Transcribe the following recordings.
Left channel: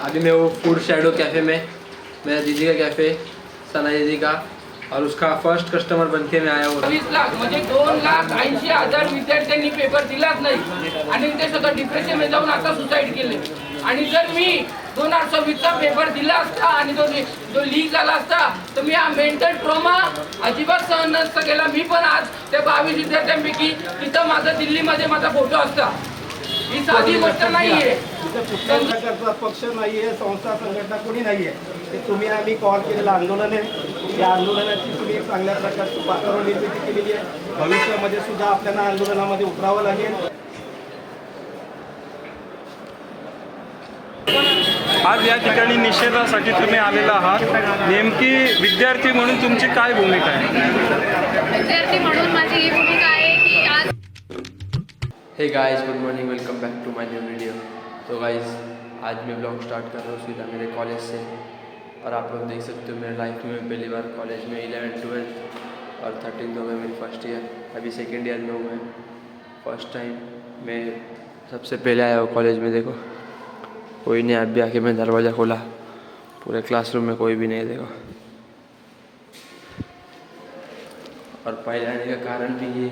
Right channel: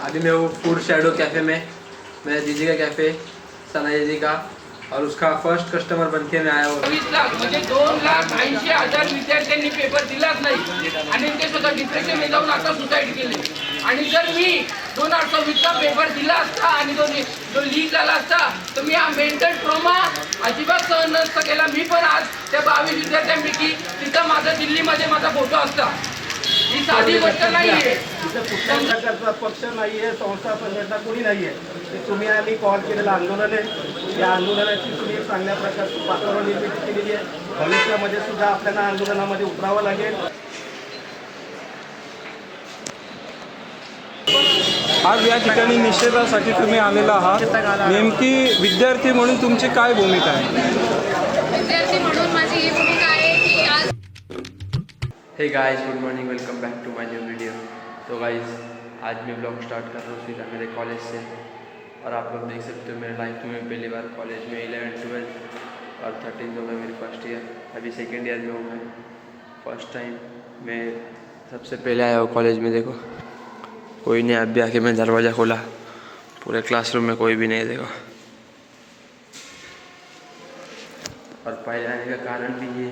अभी मैं वो फूड शैडो कैफ़े में, मेरा दीदी का कैफ़े, सना दीदी का, और उसका फर्स्ट कस्टमर बनके मैं आया हूँ। 20 लाख म्हणजे 2,80,000 विद्यार्थ्यांनी पेपर दिलाच नाही आणि ते स्वतः डिप्रेशनमध्ये जाऊन आता सुसाईड केले. आणि जर मी 2026चा पेपर दिला असता आणि जो लीक झाला असता तर मी हा मेंटल ट्रॉमा अजिबात सहन नसता केला. मी पण आज त्या 22 विद्यार्थ्यांपैकी तिथं माझा दिल्लीमध्ये माझा फोटो असता. ही साधी गोष्ट नाही आहे. इथं कुठल्याही प्रकारचा पक्ष नाही आहे, संस्था संघटना कोणी नाही आहे. ते तुम्ही आम्ही कॉल केलेलं आंदोलन आहे. या आंदोलनाची तुम्ही एक चांगल्या प्रकारची वातावरण निर्मिती केलेली आहे. भविष्यामध्ये सुद्धा आपल्याला आंदोलनामध्ये उतरावं लागेल. आज या ठिकाणी निषेधासाठी तुम्ही आलेला आहात, नेमकी विद्यार्थी म्हणून तुमची काय भूमिका आहे? विद्यार्थी म्हणून माझी ही भूमिका आहे की आज हे guys, good morning, welcome back to my new video. तो गाइस, आज मैं ब्लॉग स्टार्ट कर रहा हूँ सीधा मेरे कॉलेज से। और आप लोग देख सकते हो मेरे लाइफ में पहली बार कॉलेज में 11th 12th और 13th हो गया मेरी फर्स्ट ईयर। अभी सेकेंड ईयर में हूँ मैं। फर्स्ट टाइम मैं सबसे पहले आया हूँ कॉलेज में। देखो कोई नहीं, अभी आके मैं दरवाज़ा खोला, पूरे क्लासरूम में कोई भी नहीं। देखो, और पहले आने का कारण भी ये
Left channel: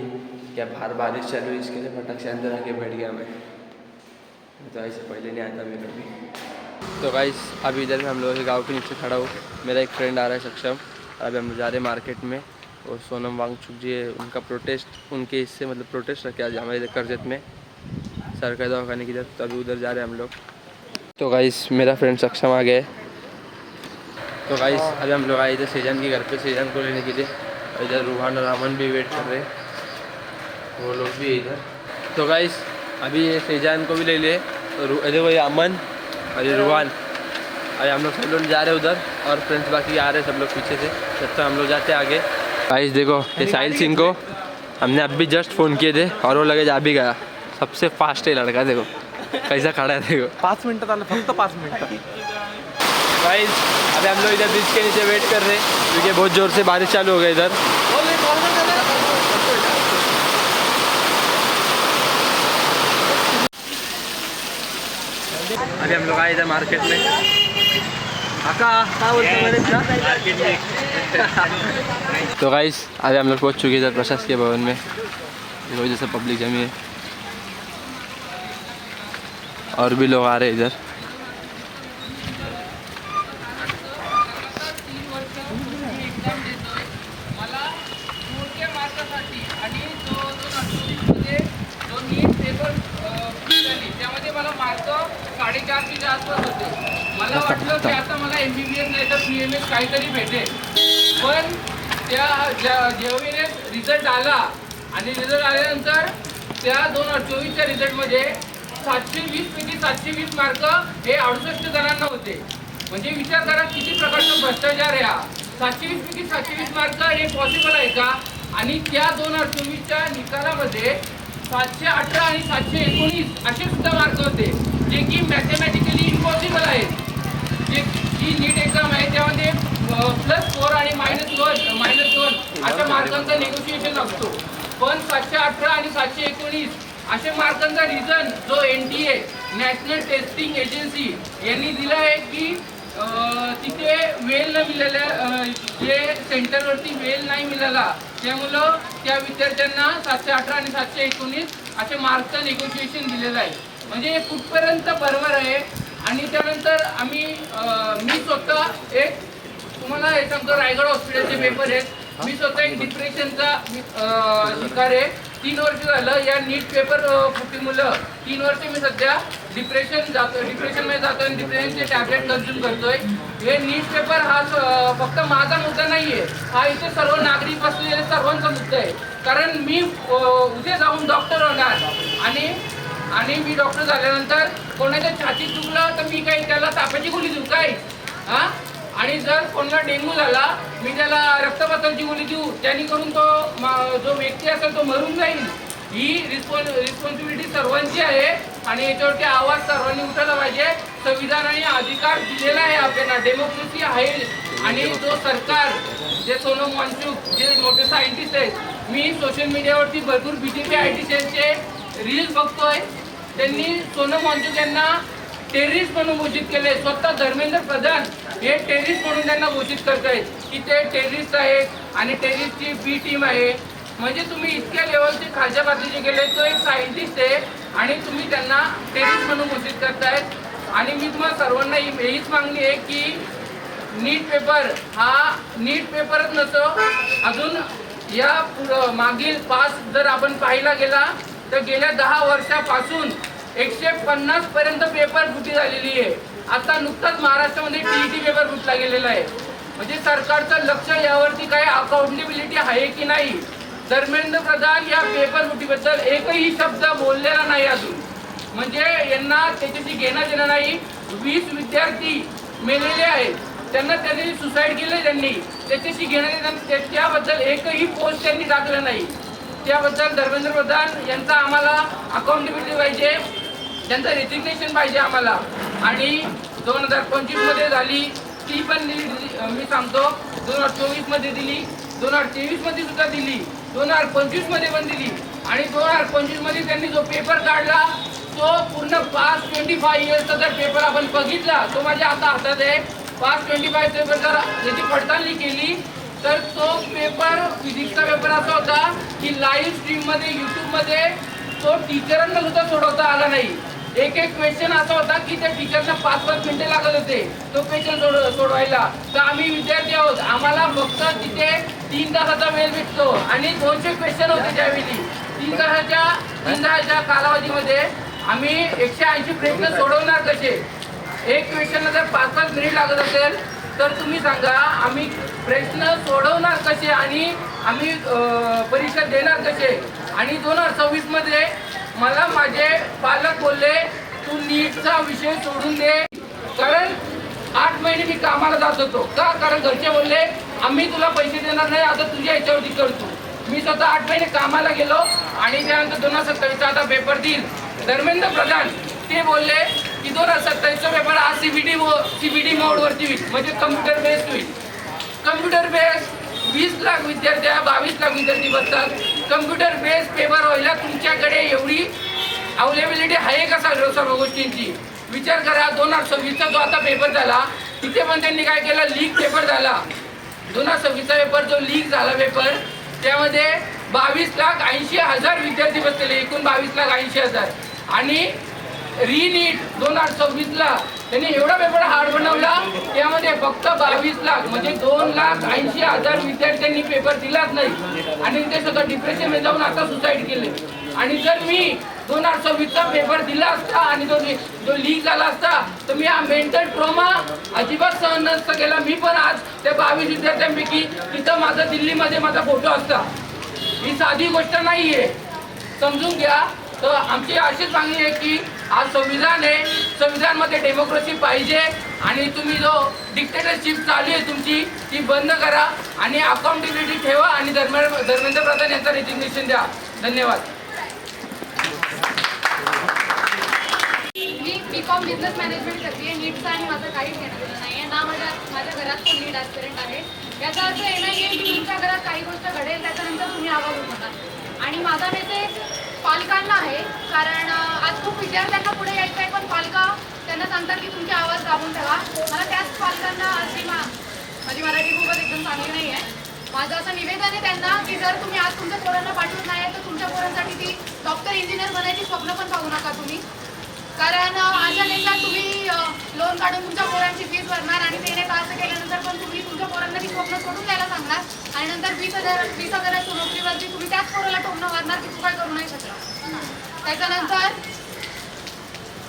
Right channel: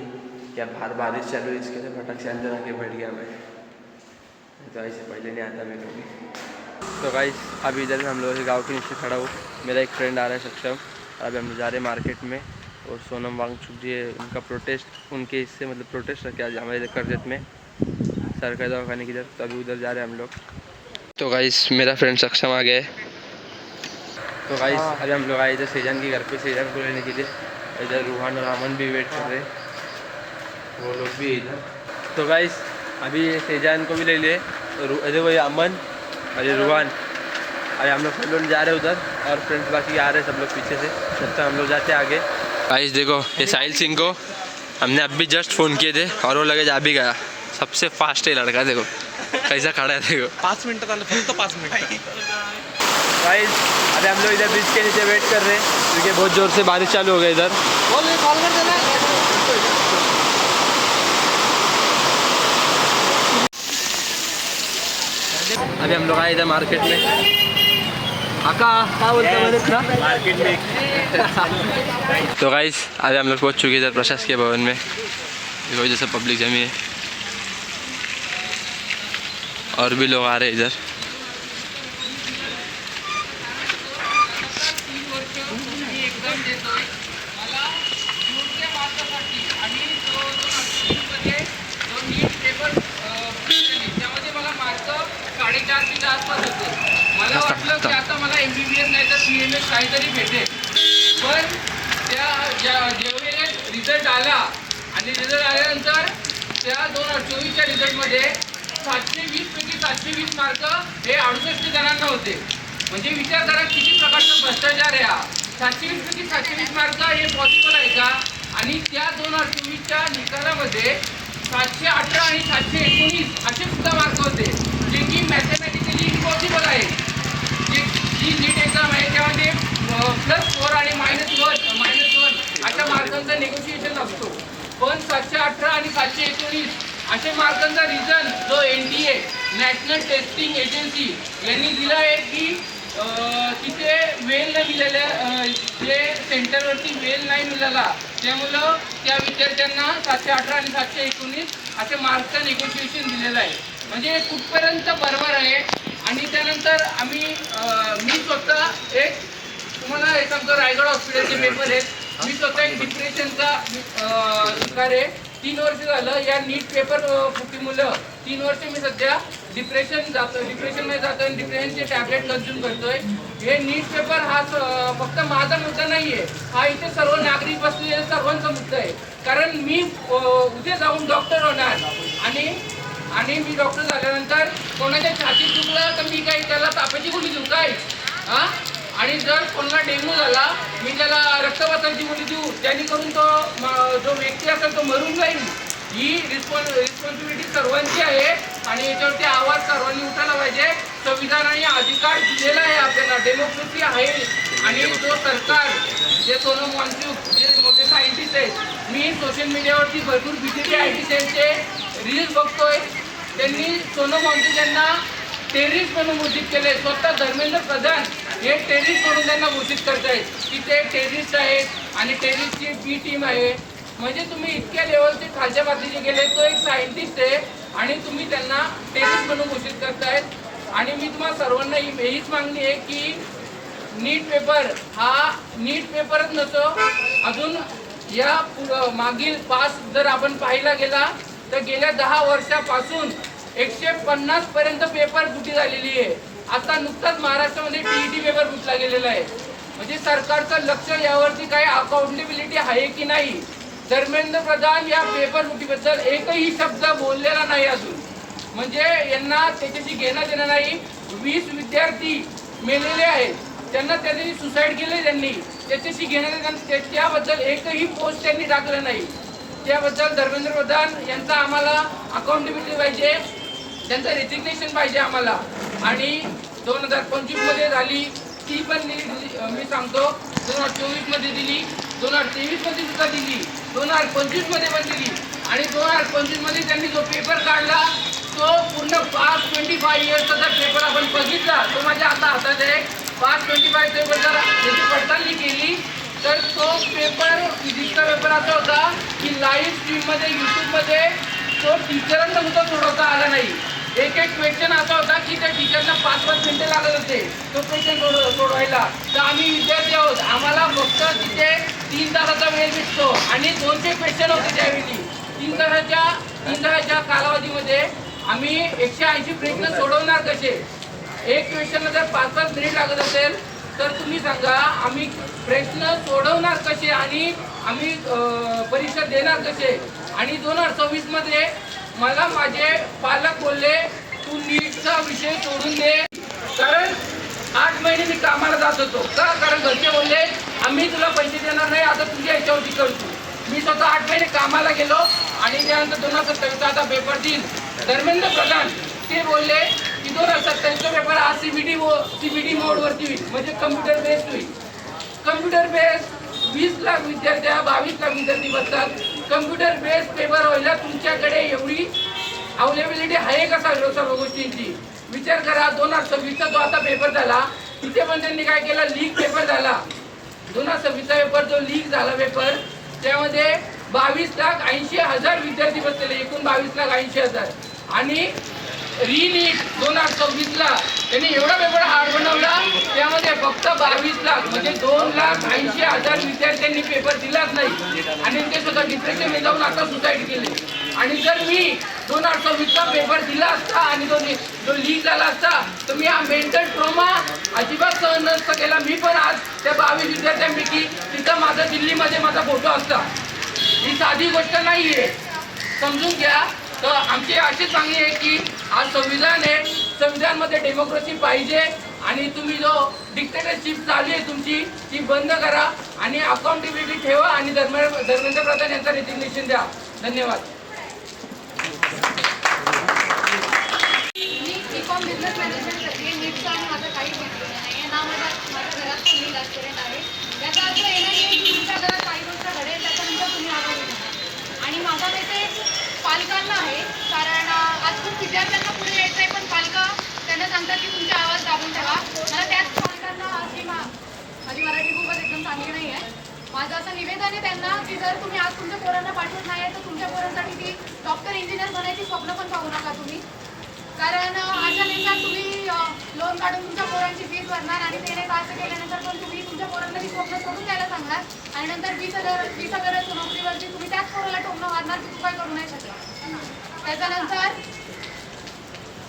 क्या बाहर बारिश चालू है, इसके लिए फटक से अंदर आके बैठ गया मैं। तो ऐसे पहले नहीं आता मैं कभी। तो गाइस, अभी इधर हम लोग गांव के नीचे खड़ा हूँ। मेरा एक फ्रेंड आ रहा है सक्षम, और अभी हम लोग जा रहे हैं मार्केट में। और सोनम वांगचुक जी है, उनका प्रोटेस्ट, उनके इससे मतलब प्रोटेस्ट रखे आज हमारे इधर करजत में सरकारी दवाखाने की तरफ। तो अभी उधर जा रहे हैं हम लोग। तो गाइस, मेरा फ्रेंड सक्षम आ गया है। तो गाइस, अभी हम लोग आए इधर सेजान के घर पे सेजान को लेने के लिए। इधर रूहान और अमन भी वेट कर रहे हैं, वो लोग भी इधर। तो गाइस, अभी सेजान को भी ले लिए, इधर वो अमन और ये रूहान। अभी हम लोग सब लोग जा रहे हैं उधर, और फ्रेंड्स बाकी आ रहे हैं सब लोग पीछे से। जब तक हम लोग जाते हैं आगे। गाइस देखो, ये साहिल सिंह को हमने अभी जस्ट फ़ोन किए थे और वो लगेज आ भी गया। सबसे फास्ट है लड़का, देखो कैसा खड़ा है। देखो 5 मिनिटात आलं, फक्त 5 मिनिटात। गाइस, अभी हम लोग इधर ब्रिज के नीचे वेट कर रहे हैं क्योंकि बहुत ज़ोर से बारिश चालू हो गई इधर। अभी हम लोग आए इधर मार्केट में। आका क्या बोलता मैंने मार्केट में। तो गाइस, अभी हम लोग पहुँच चुके इधर प्रशासकीय भवन में। देखो जैसे पब्लिक जमी है, और भी लोग आ रहे हैं इधर। मला मार्क 4.5 आसपास होते. मला वाटलं की आता मला MBBS नाही तर PMS काहीतरी भेटेल. पण जेव्हा रिझल्ट आला आणि रिझल्ट आल्यानंतर त्या 2024च्या रिझल्टमध्ये 720 पैकी 720 मार्क हे 68 जणांना होते. म्हणजे विचार करा किती प्रकारचा भ्रष्टाचार आहे हा. 720 पैकी 720 मार्क हे पॉसिबल आहे का? आणि त्या 2024च्या निकालामध्ये 718 आणि 719 असे सुद्धा मार्क होते, जे की मॅथमॅटिकली इम्पॉसिबल आहे. जे जी नीट एक्झाम आहे त्यामध्ये +4 आणि -1 अशा मार्कांचा नेगोशिएशन असतो. पण 718 आणि 719 अशा मार्कांचा रिझन जो NTA नॅशनल टेस्टिंग एजन्सी यांनी दिला आहे की तिथे वेल न मिळाल्या, जे सेंटरवरती वेल नाही मिळाला, त्यामुळं त्या विद्यार्थ्यांना 718 आणि 719 असे मार्क्सचं नेगोशिएशन दिलेलं आहे. म्हणजे कुठपर्यंत बरोबर आहे. आणि त्यानंतर मी स्वतः एक तुम्हाला हे सांगतो, रायगड हॉस्पिटलचे पेपर आहेत. मी स्वतः एक डिप्रेशनचा शिकार आहे. 3 वर्ष झालं या नीट पेपर फुटीमुळं 3 वर्ष मी सध्या डिप्रेशनमध्ये जातो आणि डिप्रेशनचे टॅबलेट कन्झ्युम करतोय. हे नीट पेपर हा फक्त माझा मुद्दा नाही आहे, हा इथे सर्व नागरिक बसलेले सर्वांचा मुद्दा आहे. कारण मी उद्या जाऊन डॉक्टर होणार आणि मी डॉक्टर झाल्यानंतर कोणाच्या छातीत दुखलं तर मी काही त्याला तापाची गोळी देऊ काय? हां, आणि जर कोणाला डेंग्यू झाला मी त्याला रक्तवाताची गोळी देऊ, जेणेकरून तो जो व्यक्ती असेल तो मरून जाईल. ही रिस्पॉन्सिबिलिटी सर्वांची आहे आणि याच्यावरती आवाज सर्वांनी उठायला पाहिजे. संविधानाने अधिकार दिलेला आहे आपल्याला, डेमोक्रेसी आहे. आणि जो सरकार, जे सोनम वांगचुक, जे मोठे सायंटिस्ट आहेत, मी सोशल मीडियावरती भरपूर BJP IT सेलचे रील्स बघतोय. त्यांनी सोनम वांगचुक यांना टेररिस्ट म्हणून घोषित केले. स्वतः धर्मेंद्र प्रधान हे टेररिस्ट म्हणून त्यांना घोषित करतायत की ते टेररिस्ट आहेत आणि टेररिस्टची बी टीम आहे. म्हणजे तुम्ही इतक्या लेवलचे खालच्या पातळीचे गेले. तो एक सायंटिस्ट आहे आणि तुम्ही त्यांना टेररिस्ट म्हणून घोषित करतायत. आणि मी तुम्हाला सर्वांना हीच मागणी आहे की नीट पेपर हा नीट पेपरच नसतो, अजून या मागील पास जर आपण पाहिला गेला तर गेल्या 10 वर्षापासून 150 पर्यंत पेपर फुटी झालेली आहे. आता नुकताच महाराष्ट्रामध्ये टीईटी पेपर फुटला गेलेला आहे. म्हणजे सरकारचं लक्ष यावरती काही अकाउंटेबिलिटी आहे की नाही. धर्मेंद्र प्रधान या पेपर फुटीबद्दल एकही शब्द बोललेला नाही अजून. म्हणजे यांना त्याच्याशी घेणं देणं नाही. 20 विद्यार्थी मेलेले आहेत, त्यांनी सुसाईड केले, त्यांनी त्याच्याशी घेणं त्याबद्दल एकही पोस्ट त्यांनी टाकलं नाही. त्याबद्दल धर्मेंद्र प्रधान यांचा आम्हाला अकाउंटेबिलिटी पाहिजे, त्यांचं रेजिग्नेशन पाहिजे आम्हाला. आणि 2025 मध्ये झाली ती पण मी सांगतो, 2024 मध्ये दिली, 2023 मध्ये सुद्धा दिली, 2025 मध्ये पण दिली. आणि 2025 मध्ये त्यांनी जो पेपर काढला तो पूर्ण 525 इयर्सचा जर पेपर आपण बघितला, तो माझ्या आता हातात आहे. 525 पेपर जर त्याची पडताळणी केली तर तो पेपर फिजिक्सचा पेपर असा होता की लाईव्ह स्ट्रीममध्ये यूट्यूबमध्ये तो टीचरांना सुद्धा सोडवता आला नाही. एक क्वेश्चन असा होता की त्या टीचरला 5-5 मिनिटे लागत होते तो क्वेश्चन सोडवायला. तर आम्ही विद्यार्थी आहोत, आम्हाला फक्त तिथे 3 तासाचा वेळ भेटतो आणि 200 क्वेश्चन होते त्यावेळी. 3 तासाच्या कालावधीमध्ये आम्ही 180 प्रश्न सोडवणार कसे? एक क्वेश्चनला जर 5-5 मिनिट लागत असेल तर तुम्ही सांगा आम्ही प्रश्न सोडवणार कसे आणि आम्ही परीक्षा देणार कसे? आणि 2026 मध्ये मला माझे पालक बोलले तू नीटचा विषय सोडून दे, कारण 8 महिने मी कामाला जात होतो. का? कारण घरचे बोलले आम्ही तुला पैसे देणार नाही, आता तुझ्या याच्यावरती करतो. मी स्वतः 8 महिने कामाला गेलो आणि त्यानंतर 2027 आता पेपर देईल. धर्मेंद्र प्रधान ते बोलले की 2027 पेपर हा सीबीडी मोडवरती होईल, म्हणजे कम्प्युटर बेस्ड होईल. कम्प्युटर बेस्ड 20 लाख विद्यार्थी 22 लाख विद्यार्थी बसतात. कम्प्युटर बेस्ड पेपर व्हायला तुमच्याकडे एवढी अवेलेबिलिटी आहे का? सर्व गोष्टींची विचार करा. 2026चा जो आता पेपर झाला तिथे पण त्यांनी काय केलं, लीक पेपर झाला. 2026चा पेपर जो लीक झाला पेपर, त्यामध्ये 22,80,000 विद्यार्थी बसलेले, एकूण 22,80,000. आणि रीनीट 2026ला त्यांनी एवढा पेपर हार्ड बनवला, त्यामध्ये फक्त 22 लाख म्हणजे 2,80,000 विद्यार्थ्यांनी पेपर दिलाच नाही आणि ते स्वतः डिप्रेशनमध्ये जाऊन आता सुसाईड केले. आणि जर मी 2026चा पेपर दिला असता आणि जो लीक झाला असता तर मी हा मेंटल ट्रॉमा अजिबात सहन नसता केला. मी पण आज त्या 22 विद्यार्थ्यांपैकी तिथं माझा दिल्लीमध्ये माझा फोटो असता. ही साधी गोष्ट नाही आहे, समजून घ्या. तर आमची अशीच मागणी आहे की आज संविधान आहे, संविधानमध्ये डेमोक्रेसी पाहिजे आणि तुम्ही जो डिक्टेटरशिप चालू आहे तुमची ती बंद करा आणि अकाउंटेबिलिटी ठेवा आणि धर्मेंद्र प्रधान यांचा रेजिग्नेशन द्या. धन्यवाद. मी बीकॉम बिझनेस मॅनेजमेंट करते. नीटचं आणि माझं काहीच घेतलेलं नाही आहे ना. माझ्या घरात पण नीट ॲस्पिरंट आहे. याचा अर्थ हे नाही आहे की तुमच्या घरात काही गोष्ट घडेल त्याच्यानंतर तुम्ही आवाज उठवणार. आणि माझा मेसेज पालकांना आहे, कारण आज खूप विद्यार्थ्यांना पुढे यायचं आहे पण त्यांना सांगतात की तुमचे आवाज दाबून ठेवा. मला त्याच पालकांना आज माझी मराठी खूपच एकदम चांगली नाही आहे. माझं असं निवेदन आहे त्यांना की जर तुम्ही आज तुमच्या पोरांना पाठवत नाही तर तुमच्या पोरांसाठी ती डॉक्टर इंजिनियर बनायची स्वप्न पण पाहू नका तुम्ही. कारण अशा देशात तुम्ही लोन काढून तुमच्या पोरांची फीस भरणार आणि ते नाही असं केल्यानंतर पण तुम्ही तुमच्या पोरांना ती स्वप्न सोडून द्यायला सांगणार आणि नंतर 20,000 नोकरीवरती तुम्ही त्याच पोराला टोमणं मारणार की तू काय करू नाही शकला. त्याच्यानंतर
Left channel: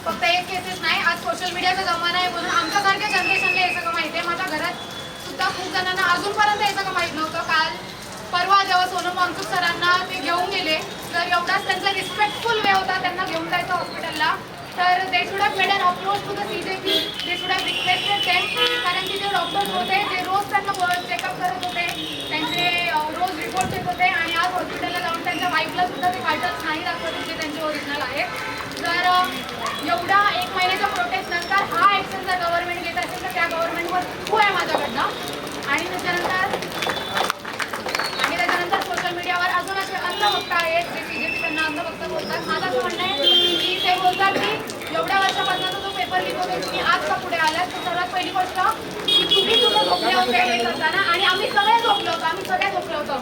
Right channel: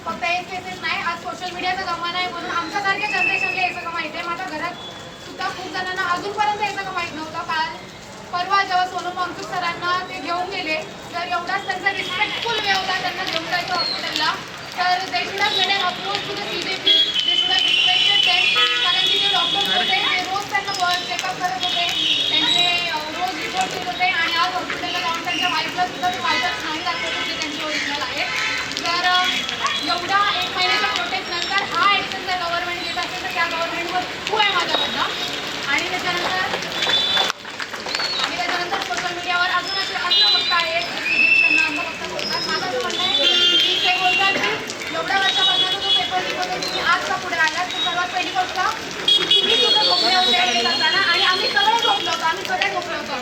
फक्त एक केसेस नाही, आज सोशल मीडियाचा जमाना आहे म्हणून आमच्यासारख्या जनरेशनला हे सगळं माहिती आहे. माझ्या घरात सुद्धा खूप जणांना अजूनपर्यंत हे सगळं माहीत नव्हतं. परवा जेव्हा सोनम वांगचुक सरांना ते घेऊन गेले तर एवढाच त्यांचा रिस्पेक्टफुल वे होता त्यांना घेऊन जायचं हॉस्पिटलला. तर they should have made an approach to the CJP, they should have respected them. कारण की जे डॉक्टर्स होते ते रोज त्यांना चेकअप करत होते, त्यांचे रोज रिपोर्ट देत होते आणि आज हॉस्पिटलला जाऊन त्यांच्या वाईफला सुद्धा ते वाईटच नाही दाखवत होते त्यांचे ओरिजिनल आहे. जर एवढा 1 महिन्याच्या प्रोटेस्ट नंतर हा ॲक्शन जर गव्हर्नमेंट घेत असेल तर त्या गव्हर्नमेंटवर खूप आहे माझ्याकडनं. आणि त्याच्यानंतर सोशल मीडियावर अजून असे अंधभक्त आहेत की CJP त्यांना अंधभक्त बोलतात. माझं असं म्हणणं आहे की ते बोलतात की एवढ्या वर्षापासून तो पेपर वाजता पुढे आलात. तर सर्वात पहिली गोष्ट की तुम्ही कुठं झोपले होते हे करताना, आणि आम्ही सगळे झोपलो होतो, आम्ही सगळे झोपलो होतो.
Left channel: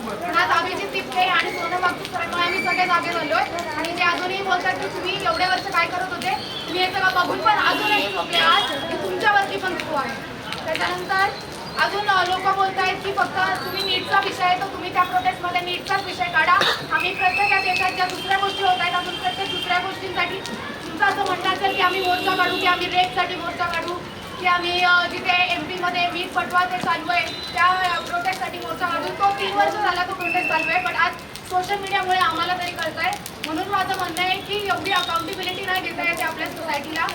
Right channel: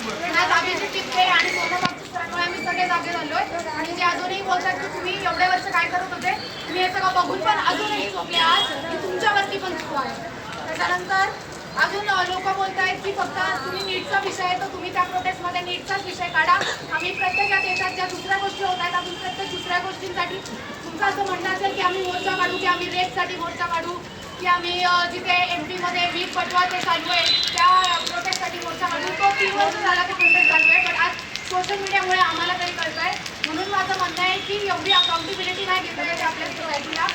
आज अभिजित टिपके आणि सोनम वागचूकरांमुळे आम्ही सगळे जागे झालोय. आणि ते अजूनही बोलतात की तुम्ही एवढे वर्ष काय करत होते, तुम्ही हे सगळं बघून पण अजूनही झोपले आहात, की तुमच्यावरती पण चूक आहे. त्याच्यानंतर अजून लोक बोलत आहेत की फक्त तुम्ही नीटचा विषय आहे तर तुम्ही त्या प्रोटेस्टमध्ये नीटचाच विषय काढा. आम्ही प्रत्येक या देशात ज्या दुसऱ्या गोष्टी होत आहेत, अजून प्रत्येक दुसऱ्या गोष्टींसाठी तुमचं असं म्हणणं असेल की आम्ही मोर्चा काढू, की आम्ही रेपसाठी मोर्चा काढू, की आम्ही जिथे MP मध्ये वीज पटवा ते चालू आहे त्या प्रोटेस्टसाठी मोर्चा काढू. तो 3 वर्ष झाला तो प्रोटेस्ट चालू आहे, पण आज सोशल मीडियामुळे आम्हाला तरी कळत आहे. म्हणून माझं म्हणणं आहे की एवढी अकाउंटेबिलिटी नाही देता येते आपल्या सोसायटीला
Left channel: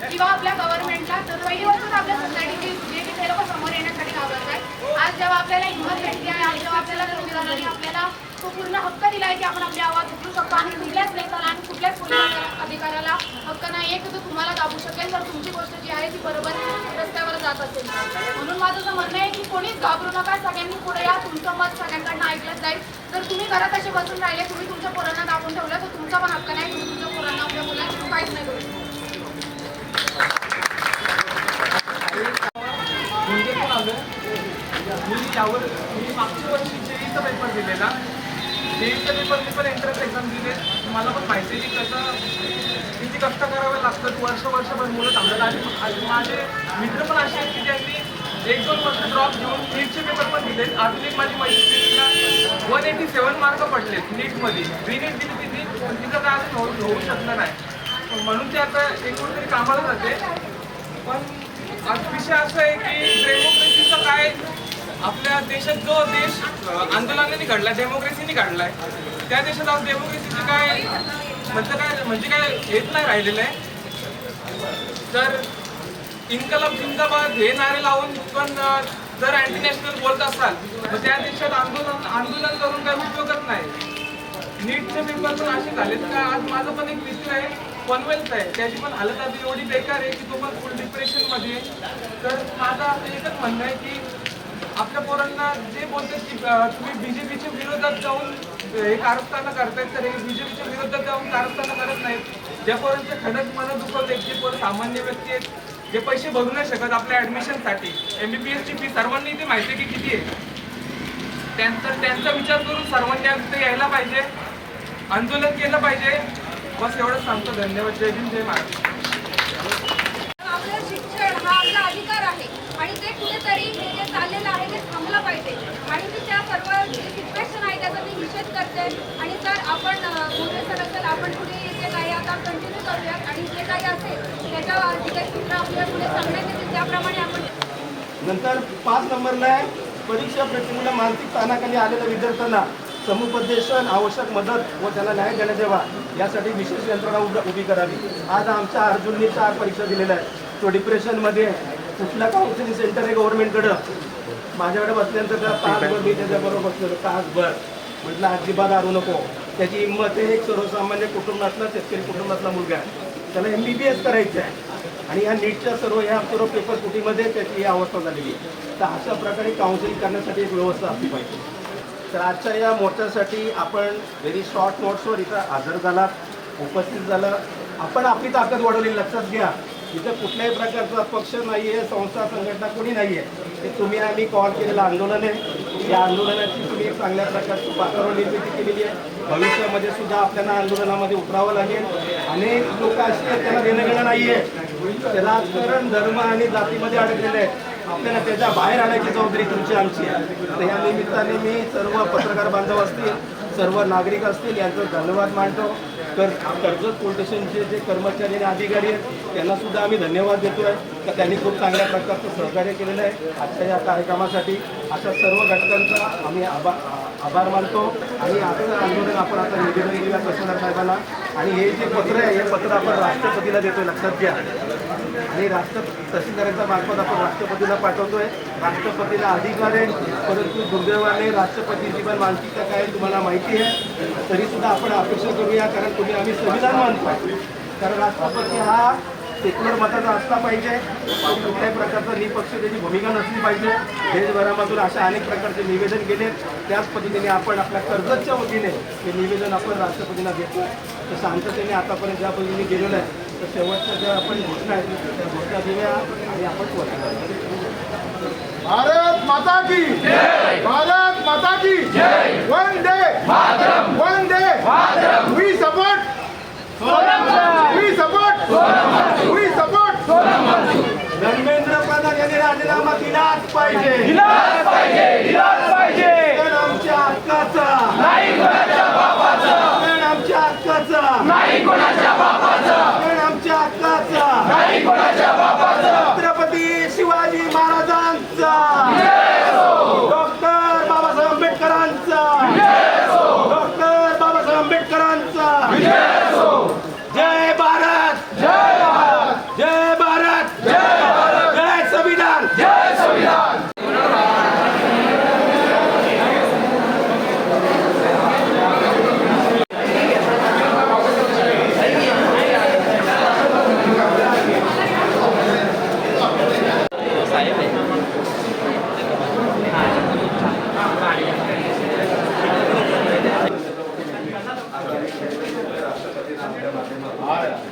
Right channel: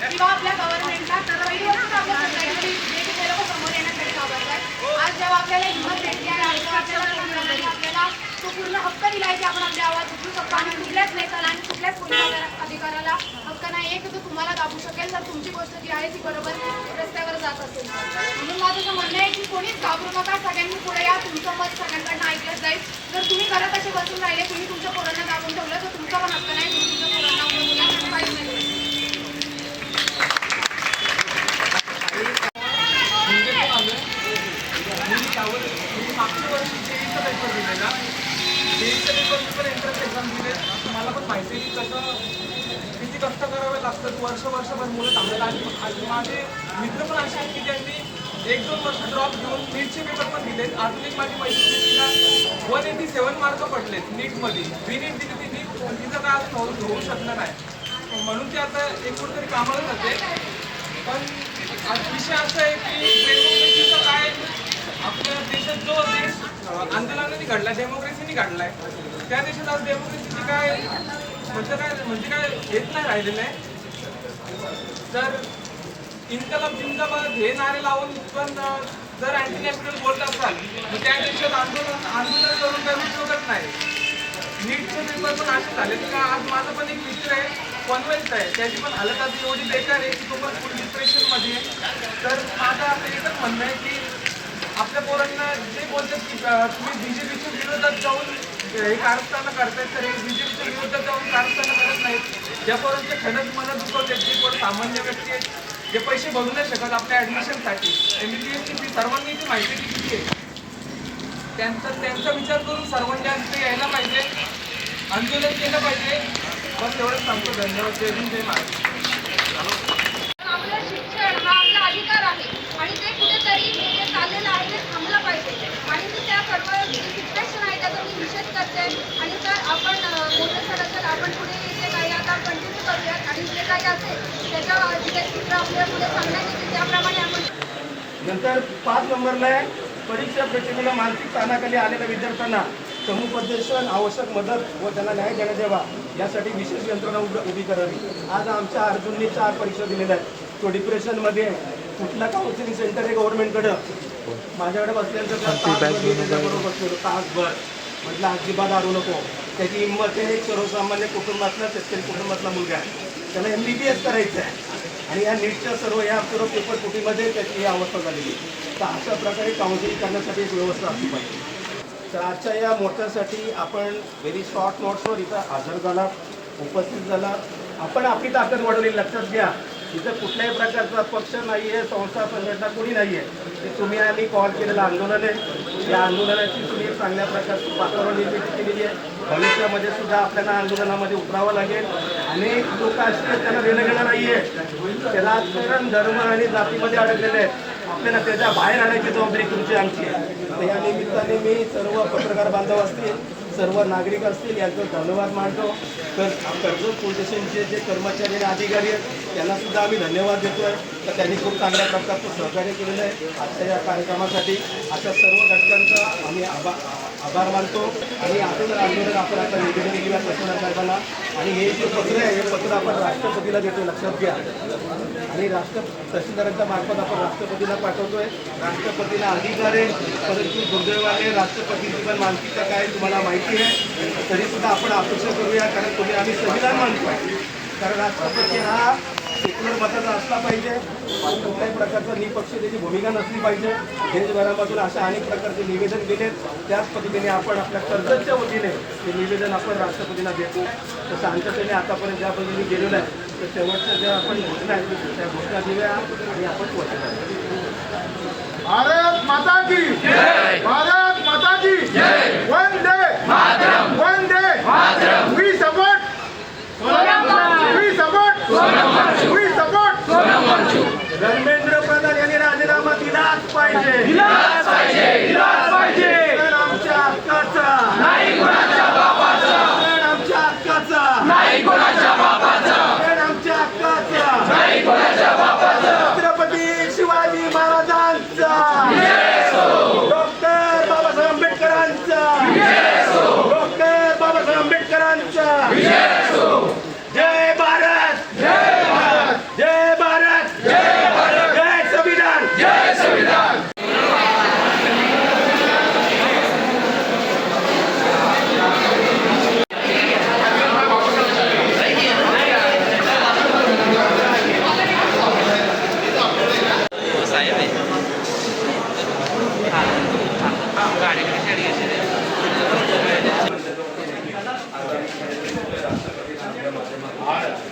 किंवा आपल्या गव्हर्नमेंटला. तर पहिली गोष्ट आपल्या सोसायटीमध्ये जे लोक समोर येण्यासाठी घाबरत आहेत, आज जेव्हा आपल्याला हिंमत भेटली आहे, आज जेव्हा आपल्याला संविधानाने आपल्याला तो पूर्ण हक्क दिला आहे की आपण आपली आवाज उठवू शकतो आणि कुठल्याच नेत्याला आणि कुठल्याच पोलीस अधिकाऱ्याला हक्क नाही आहे की तो तुम्हाला दाबू शकेल जर तुमची गोष्ट जी आहे ती बरोबर रस्त्यावर जात असेल. म्हणून माझं असं म्हणणं आहे की कोणीच घाबरू नका, सगळ्यांनी पुढे या, तुमचं मत सगळ्यांकडनं ऐकलं जाईल. जर तुम्ही घरात असे बसून राहिले, तुम्ही तुमच्या पोरांना दाबून ठेवलं तर तुमचा पण हक्क नाही, तुम्ही तुमच्या पोरांना आपल्या मुलांना काहीच नाही करू शकत. म्हणजे पण आलं मी त्यावर मी मागच्या वर्षी जेईचा पेपर दिलेला. जेईचा पेपर मी पण एंट्रन्स एक्झाम दिले. मला पण माहिती आहे की कसं किती कष्ट करावे लागतात. वर्षभर मुलं थांबतात. आणि माझे मित्र पण असे आहेत की ज्यांनी 1-2 वर्ष ड्रॉप घेऊन नीटचे पेपर पण दिले. अजून एक माझी मैत्रिणीला 187 मार्क पडलेत नीटमध्ये. नीट दिली ती नीट, पण तिचं काय अजून होऊ शकलं नाही. म्हणून ते आता एक कुठेतरी कामाला जाते. पण आज विषय असं आहे की डेमोक्रेसीचा काय आपल्या देशात जो देश आंदोलनाने घडला, डेमोक्रेसीने घडला आहे, त्या देशात आज डेमोक्रेसीचे काय म्हणजे काय हेच नाही राहिलेलं आहे. तर इन्कलाब जिंदाबाद हे नारे लावून पण जर अँटी नॅशनल बोलत असाल तर त्या देशात आंदोलन करून काही उपयोगच नाही. नीटचे पेपर पण असे झालेत का आज माझा पण एक मित्र आहे, पनवेलचा आहे, त्याची पण हालत आज एवढी बेकार आहे की तो पण फुल डिप्रेशनमध्ये आहे. तर माझं असं एकच म्हणणं आहे की आपल्या पोरांना जे बोलतात की तुम्ही BJPच्या विरोधात जाऊन हे कारस्थानं करतात, तर हे BJPच्या विरोधात जाऊन कारस्थानं करत नाहीत. ज्या पोरांचे खरंच मनं दुखवत आहेत, जे कोण सामान्य व्यक्ती आहेत, जे पैसे भरू नाही शकत आपल्या ॲडमिशनसाठी, MBBSची फी सर्वांनी ती माहिती की किती आहे, त्यांचा विचार करून सर्वांनी आज ते यायला पाहिजे, आंदोलन केलं पाहिजे. बस एवढंच सांगतो. धन्यवाद. जय हिंद, जय महाराष्ट्र. आपलं शिक्षण हा आपला अधिकार आहे आणि ते कुठेतरी जे चाललेलं आहे ते थांबलं पाहिजे. आणि मी त्या सर्व जे सिच्युएशन आहे त्याचा मी निषेध करते. आणि सर आपण मोठे सर असेल, आपण पुढे जे काही आता कंटिन्यू करूयात आणि जे काही असेल त्याच्या जे चित्र आपल्या पुढे सांगण्यात येतील त्याप्रमाणे आपण. नंतर 5 नंबरला आहे परीक्षा प्रक्रियेला मानसिक ताणाखाली आलेल्या विद्यार्थ्यांना समुपदेशन, आवश्यक मदत व त्यांना न्याय देण्यात यावा यासाठी विशेष यंत्रणा उभी करावी. आज आमच्या अर्जुननी 4 परीक्षा दिलेल्या आहेत. तो डिप्रेशनमध्ये कुठला काउन्सिलिंग सेंटर आहे गव्हर्नमेंटकडं. माझ्याकडे बसल्यानंतर त्या तासभर मी त्याच्याबरोबर बसलेलो, तासभर. म्हटलं अजिबात हारू नको. त्याची हिंमत आहे. एक सर्वसामान्य कुटुंबातला, शेतकरी कुटुंबातला मुलगा आहे. त्याला MBBS करायचं आहे आणि या नीटच्या सर्व पेपर फुटीमध्ये त्याची ही अवस्था झालेली आहे. तर अशा प्रकारे काउन्सिलिंग करण्यासाठी एक व्यवस्था असली पाहिजे. तर आजच्या या मोर्चासाठी आपण व्हेरी शॉर्ट नोट्सवर इथं हजर झालात, उपस्थित झाला. आपण आपली ताकद वाढवली. लक्षात घ्या, इथं कुठल्याही प्रकारचा पक्ष नाही आहे, संस्था संघटना कोणी नाही आहे. ते तुम्ही आम्ही कॉल केलेलं आंदोलन आहे. या आंदोलनाची तुम्ही एक चांगल्या प्रकारची पातळीवर निर्मिती केलेली आहे. भविष्यामध्ये सुद्धा आपल्याला आंदोलनामध्ये उतरावं लागेल. अनेक लोक असे आहेत त्यांना देणं घेणं नाही आहे. ते राजकारण, धर्म आणि जातीमध्ये अडकलेले आहेत. आपल्याला त्याच्या बाहेर आणायची जबाबदारी तुमची, आमची आहे. तर या निमित्ताने मी सर्व पत्रकार बांधव असतील, सर्व नागरिक असतील यांचा धन्यवाद मानतो. तर कर्जत पोलीस स्टेशनचे जे कर्मचारी आणि अधिकारी आहेत त्यांना सुद्धा आम्ही धन्यवाद देतो आहे. तर त्यांनी खूप चांगल्या प्रकारचं सहकार्य केलेलं आहे आजच्या या कार्यक्रमासाठी. अशा सर्व घटकांचा आम्ही आभार मानतो. आणि आजचं आंदोलन आपण आता निवेदन घेऊया तहसीलदार साहेबांना. आणि हे जे पत्र आहे हे पत्र आपण राष्ट्रपतीला देतोय, लक्षात घ्या. आणि तहसीलदारांच्या मार्फत आपण राष्ट्रपतीला पाठवतोय. राष्ट्रपतीला अधिकार आहे, परंतु दुर्दैवाने राष्ट्रपतींची पण मानसिकता काय तुम्हाला माहिती आहे. तरीसुद्धा आपण अपेक्षा करूया, कारण तुम्ही आम्ही संविधान मानतोय. कारण राष्ट्रपती हा सेक्युलर मताचा असला पाहिजे, कुठल्याही प्रकारचा निपक्षतेची भूमिका नसली पाहिजे. देशभरामधून अशा अनेक प्रकारचे निवेदन केलेत. त्याच पद्धतीने आपण आपल्या कर्जतच्या वतीने हे निवेदन आपण राष्ट्रपतींना देतो. तर शांततेने आतापर्यंत ज्या पद्धतीने गेलेलं आहे, तर शेवटच्या ज्या आपण घोषणा आहेत त्या घोषणा देऊया आणि आपण वचन भारत माता की भारत माता की वंदे वंदे we support we support Dharmendra Pradhan यांनी राजीनामा दिलाच पाहिजे. कारण आमच्या हक्काचा, कारण आमच्या हक्काचा, कारण आमच्या हक्काचा, छत्रपती शिवाजी महाराजांचा, डॉक्टर बाबासाहेब आंबेडकरांचा, डॉक्टर बाबासाहेब आंबेडकरांचा. जय भारत, जय भारत, जय भारत, जय भारत, जय संविधान, जय संविधान.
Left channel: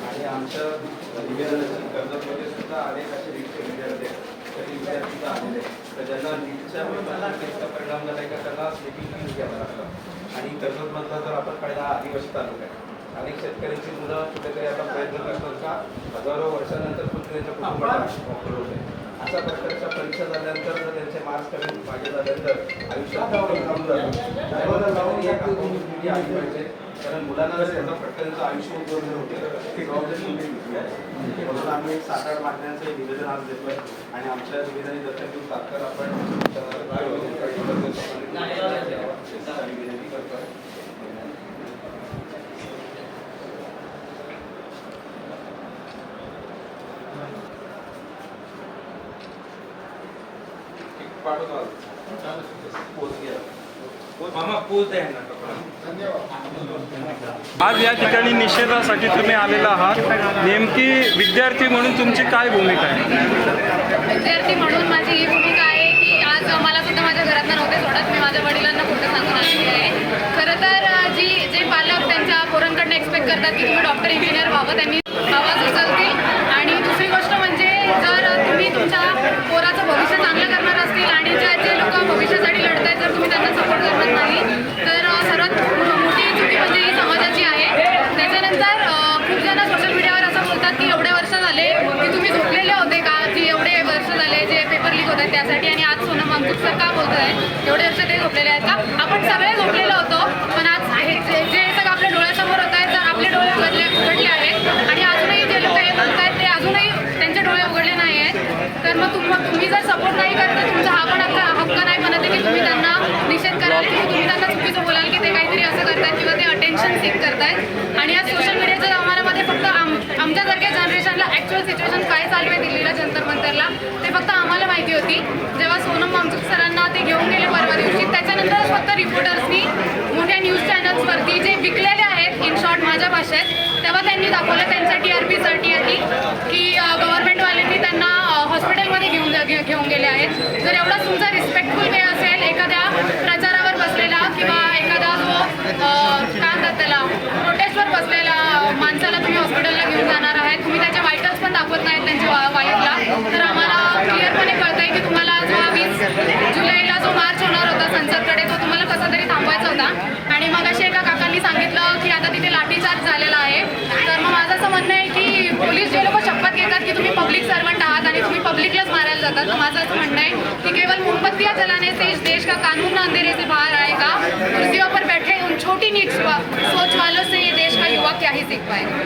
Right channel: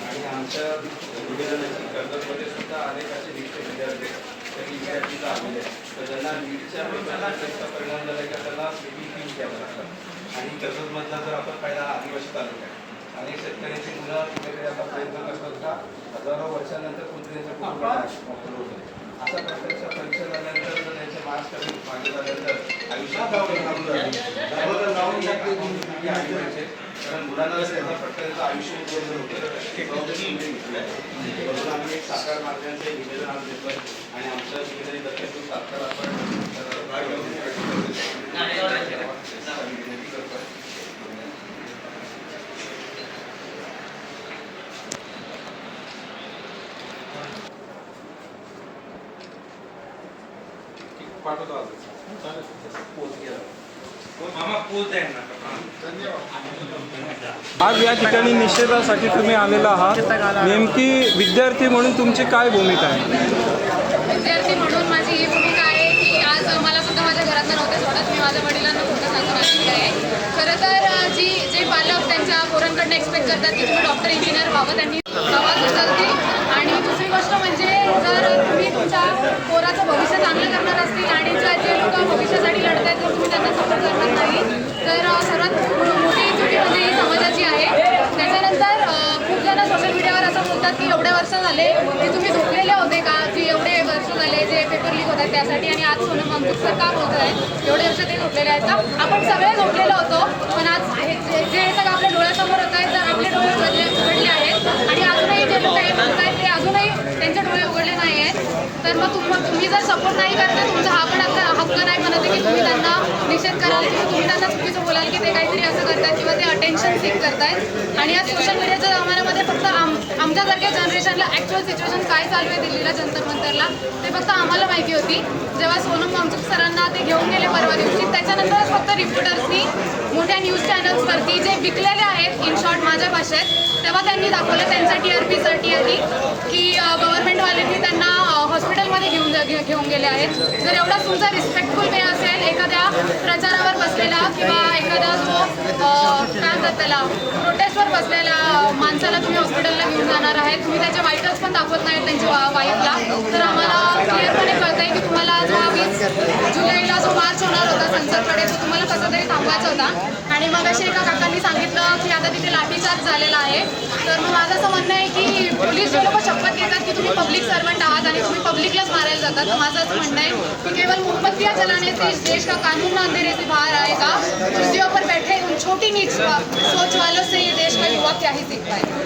आणि आमच्या निवेदनाची कर्जतमध्ये सुद्धा अनेक असे विद्यार्थी आलेले तर ज्यांना नीटच्या पेपरला जास्त परिणाम झाला का त्यांना फी घ्यावं लागतं. आणि कर्जतमधला जर आपण पहिला आदिवासी तालुका आहे, अनेक शेतकऱ्यांची मुलं कुठेतरी आता प्रयत्न करतात का हजारो वर्षानंतर कुठे त्यांच्या कुटुंबात अशा प्रकारच्या परीक्षा झाल्यानंतर जर त्यांचे मार्क्स करून मागे झाल्यानंतर आयुष्यात लावून या आली पाहिजे. कारण मुलांना जर त्याचा प्रकारचं आयुष्य उद्ध्वस्त होतं ते जबाबदारी घेतली आहे. म्हणून आम्ही एक 7-8 माध्यमांचे निवेदन आज देतो आणि आमच्या जिल्ह्याने दक्षिण तात्काळ आपण विनंती करतो. आज या ठिकाणी निषेधासाठी तुम्ही आलेला आहात, नेमकी विद्यार्थी म्हणून तुमची काय भूमिका आहे? विद्यार्थी म्हणून माझी ही भूमिका आहे की आज मला सुद्धा माझ्या घरातनं नव्हते सोडत. मी माझ्या वडिलांना खोटं सांगून आलेली आहे. खरं तर जे पालक त्यांच्या पोरांकडनं एक्सपेक्ट करतात की तुम्ही डॉक्टर इंजिनियर व्हावं, त्यांनी आवाज उचलतील. आणि दुसरी गोष्ट म्हणजे जर तुम्ही तुमच्या पोराचं भविष्य चांगलं करणार असतील आणि जे लोक भविष्यासाठी लढत आहेत जर तुम्ही त्यांना सपोर्ट करणार नाही तर सर्वात मोठी चुकी म्हणजे ही समाजाची आहे. त्याच्यानंतर खूप जण सोशल मीडियावर असं बोलतात की एवढे वर्ष झाले की तुम्ही झोपलेले होते का, की एवढे वर्ष झाले जे पेपर लीक होत आहेत त्यासाठी, आणि आज सोनम वांगचूक सर का बोलत आहे एवढे वर्ष ते झोपलेले आहेत का? आपण सगळे झोपलेलो होतो, पण आज जे सगळं आपल्या डोळ्यासमोर होत आहे, जर आपले डोळे उघडले आहेत आणि अजूनही जे लोक हे बोलत आहेत ते अजूनही त्यांचे डोळे उघडले नाही आहेत, तर मग तुम्ही जर सपोर्ट नाही करता, तुमचा हा पण हक्क नाही म्हणत की तुम्ही त्यांना निषेध कराल किंवा तुम्ही त्यांना चुकीचं बोलाल की ते काहीतरी असं करतात किंवा ते अटेन्शन सीक करतायत. आणि या सोशल मीडियाच्या जमान्यामध्ये फक्त आमच्यासारख्या जनरेशनला ॲक्च्युअल सिच्युएशन काय चालू आहे दिल्लीला जंतर मंतरला ते फक्त आम्हाला माहिती होती. जेव्हा सोनम वांगचूक सरांना ते घेऊन गेले परवा दिवशी, त्याच्यानंतरच फक्त रिपोर्टर्सनी मोठ्या न्यूज चॅनल्सवरती जे विकलेले आहेत इन शॉर्ट माझ्या भाषेत, तेव्हा त्यांनी दाखवलं त्यांच्या TRPसाठी की गव्हर्नमेंटवाल्यांनी त्यांना हॉस्पिटलमध्ये घेऊन गेले आहेत. जर एवढाच तुमचा रिस्पेक्टफुल वे असेल एखाद्या प्रचारावर बसलेला किंवा एखादा जो काय म्हणतात त्याला प्रोटेस्टवर बसलेला माणसाला तुम्ही हॉस्पिटलला घेऊन जाणार आहे, तुम्ही त्याचे वाईटल्स पण दाखवत नाहीत त्यांच्या वाईफला, तर आम्हाला क्लिअरपणे कळतं आहे की तुम्हाला जो 20 जुलैला जो मार्च होणार होता संसदकडे तो तुम्हाला कसा तरी थांबवायचा होता. आणि मग अशी एका काकांनी सांगितलं की आता तिथे लाठीचार्ज झालेला आहे. तर मग माझं असं म्हणणं आहे की पोलीस जे लोक शपथ घेतात की तुम्ही पब्लिक सर्वंट आहात आणि तुम्ही पब्लिकलाच मारायला जातात, तर माझं असं म्हणणं आहे की केवल मोमबत्तियां जलाने से इस देश का कानून अंधेरे से बाहर आएगा. कुर्सियों पर बैठे उन छोटी नीच सोच वालों से ये देश का युवा क्या ही सीख पाएगा.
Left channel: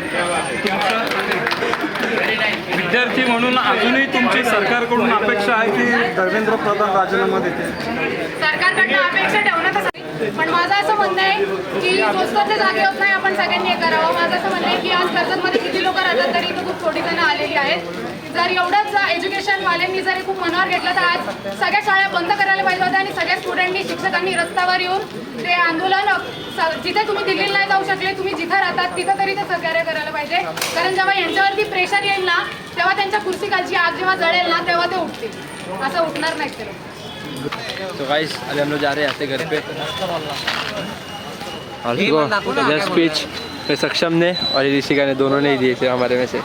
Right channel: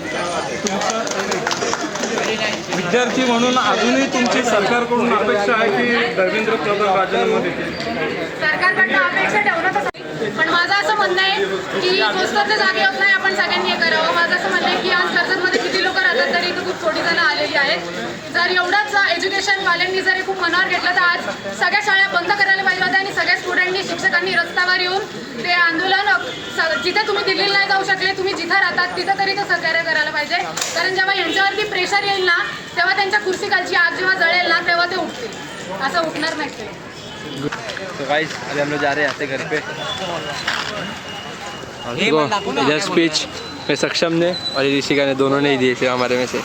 विद्यार्थी म्हणून अजूनही तुमची सरकारकडून अपेक्षा आहे की धर्मेंद्र प्रधान राजीनामा देतील? सरकारकडनं अपेक्षा ठेवणं कसं पण माझं असं म्हणणं आहे की नुसतं जागे होत नाही, आपण सगळ्यांनी हे करावं. माझं असं म्हणणं आहे की आज कर्जतमध्ये किती लोक राहतात तरी इथं खूप थोडी जण आलेली आहेत. जर एवढंच एज्युकेशनवाल्यांनी जर हे खूप मनावर घेतलं तर आज सगळ्या शाळा बंद करायला पाहिजे होत्या आणि सगळ्या स्टुडंटनी शिक्षकांनी रस्त्यावर येऊन ते आंदोलन जिथे तुम्ही दिल्लीला नाही जाऊ शकले, तुम्ही जिथं राहतात तिथं तरी ते सहकार्य करायला पाहिजे. कारण जेव्हा यांच्यावरती प्रेशर येईल ना तेव्हा त्यांच्या कुर्सीखालची आग जेव्हा जळेल ना तेव्हा ते उठतील, असं उठणार नाहीत ते लोक. तो गाइस अभी हम लोग जा रहे हैं आते घर पे और देखो इधर स्पीच में सक्षम ने और ऋषिका ने दोनों ने ही दिए थे हमारे में से.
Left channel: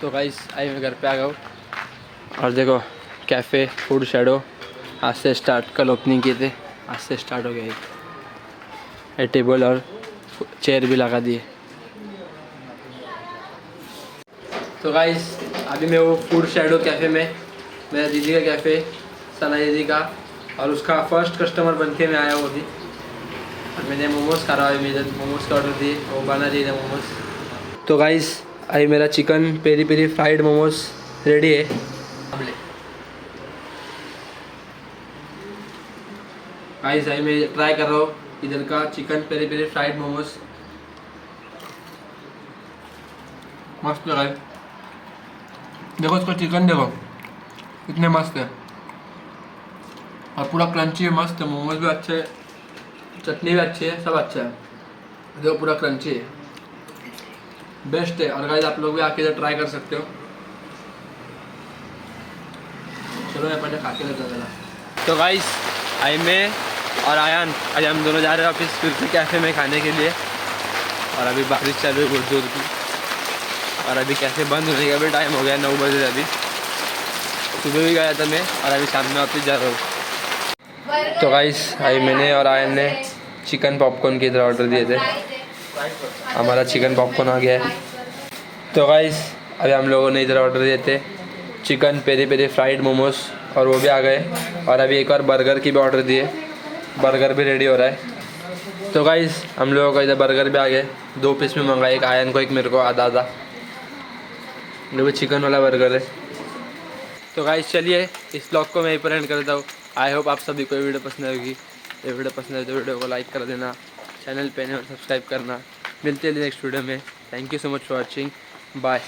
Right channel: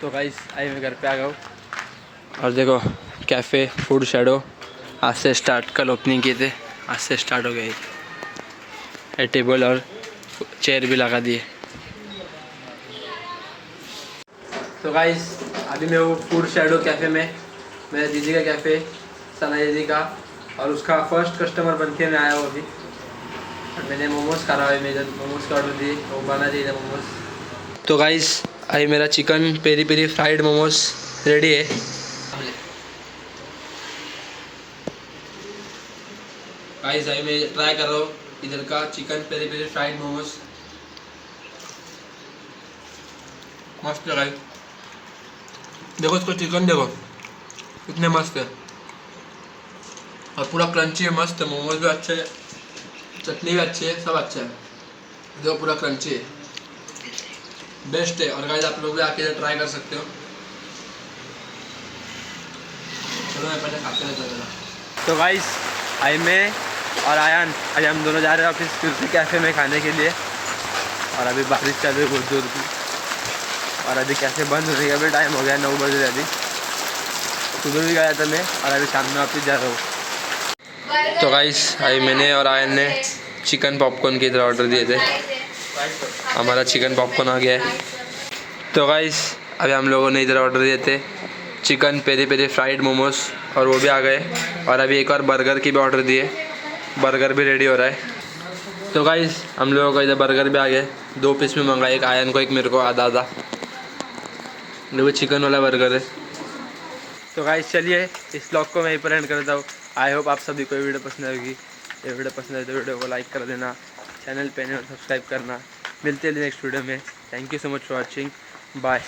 तो गाइस आई मैं घर पे आ गया हूँ और देखो कैफ़े फूड शैडो आज से स्टार्ट, कल ओपनिंग किए थे, आज से स्टार्ट हो गया है. टेबल और चेयर भी लगा दिए. तो गाइस अभी मैं वो फूड शैडो कैफ़े में, मेरा दीदी का कैफ़े, सना दीदी का, और उसका फर्स्ट कस्टमर बन के मैं आया हूँ अभी. और मैंने मोमोज़ खा रहा है, मेरे मोमोज़ का ऑर्डर दिए, वो बना दिए थे मोमोज़. तो गाइस अभी मेरा chicken peri peri fried momos ready है. गाइस अभी मैं ट्राई कर रहा हूँ इधर का chicken peri peri fried momos. मस्त है गाइस, देखो इसको चिकन देखो कितने मस्त है और पूरा क्रंची है, मस्त है. मोमोज भी अच्छे है, चटनी भी अच्छी है, सब अच्छा है. देखो पूरा क्रंची है, बेस्ट है. और गाइस आप लोग भी आके इधर ट्राई कर सकते हो. चलो मैं पहले खा के लेता हूँ. तो गाइस आई मैं और आयान आज हम दोनों जा रहे हैं ऑफिस फिर से कैफ़े में खाने के लिए. और अभी बारिश चालू है बहुत जोर की और अभी कैसे बंद होने का भी टाइम हो गया, 9 बजे. अभी सुबह भी गया था मैं और अभी शाम में वापस जा रहा हूँ. तो गाइस अभी मैंने और आयन ने चिकन पॉपकॉर्न की तरह ऑर्डर दिए थे. हमारा चिकन पॉपकॉर्न आ गया है. तो गाइस अभी हम लोगों ने इधर ऑर्डर दिए थे chicken peri peri fried momos और वो भी आ गए. और अभी एक और बर्गर की भी ऑर्डर दिए, बर्गर भी रेडी हो रहा है. तो गाइस हम लोगों का इधर बर्गर भी आ गए, 2 पीस में मंगाए, एक आयन को एक मेरे को आधा आधा. वो चिकन वाला बर्गर है. तो गाइस चलिए इस ब्लॉग को मैं यहीं पर एंड करता हूँ. आई होप आप सभी को ये वीडियो पसंद आएगी. ये वीडियो पसंद आए तो वीडियो को लाइक कर देना, चैनल पे नहीं और सब्सक्राइब करना. मिलते हैं नेक्स्ट वीडियो में. Thank you so much for watching. Bye.